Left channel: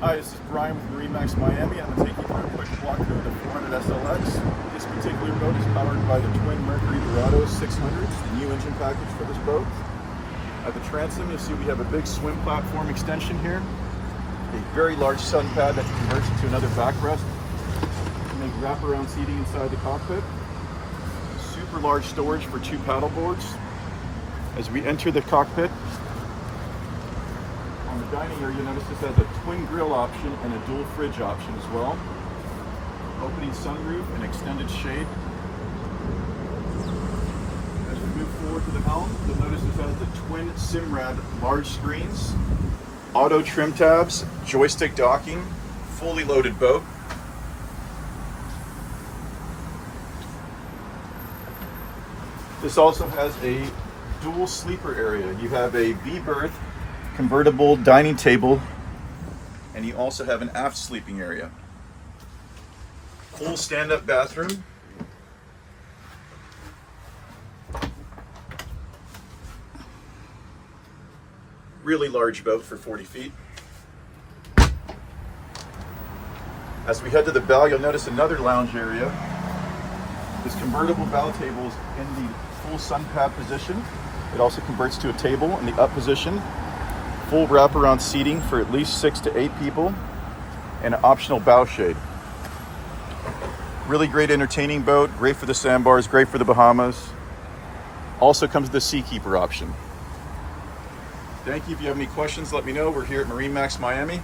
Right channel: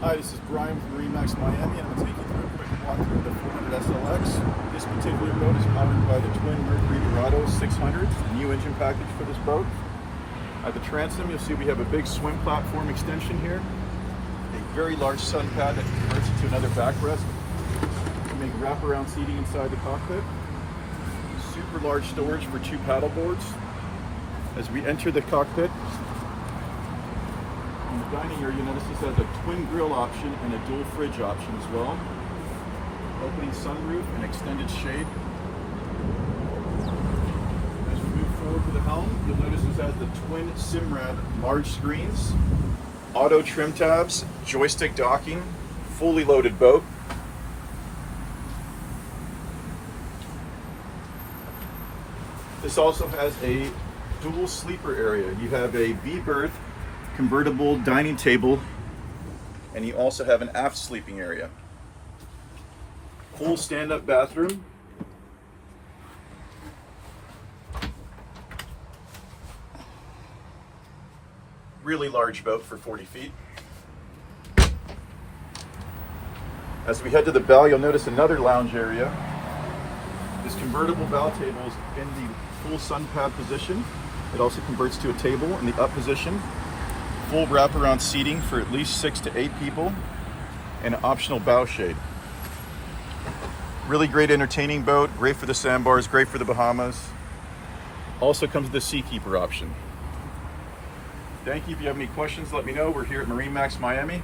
Hi, this is Bryan with MarineMax Miami, and I'm going to take you through a quick walkthrough of the 400 SLX. This particular boat is powered by the twin Mercury Dorado 600s, the new engine package for this boat. At the transom, you'll see we have a big swim platform extension here, a very large sun pad that converts into another backrest to make wraparound seating inside the cockpit, super large storage for 2 paddle boards. As we enter the cockpit, on the dining area, you'll notice this has a twin grill option and a dual fridge option as well. Opening sunroof and extended shade. As we move forward to the helm, you'll notice this has the twin Simrad large screens, auto trim tabs, joystick docking, fully loaded boat. This also has a dual sleeper area. You have a B-berth convertible dining table, and you also have an aft sleeping area. Full stand-up bathroom. Really large boat for 40 feet. As we head to the bow, you'll notice another lounge area. This convertible bow table is in the full sun pad position. It also converts to a table in the up position. Full wraparound seating for at least 6 to 8 people, and an optional bow shade. Really great entertaining boat, great for the sandbars, great for the Bahamas. Also comes with the Seakeeper option. Thank you. If you have any questions, let me know. We're here at MarineMax Miami.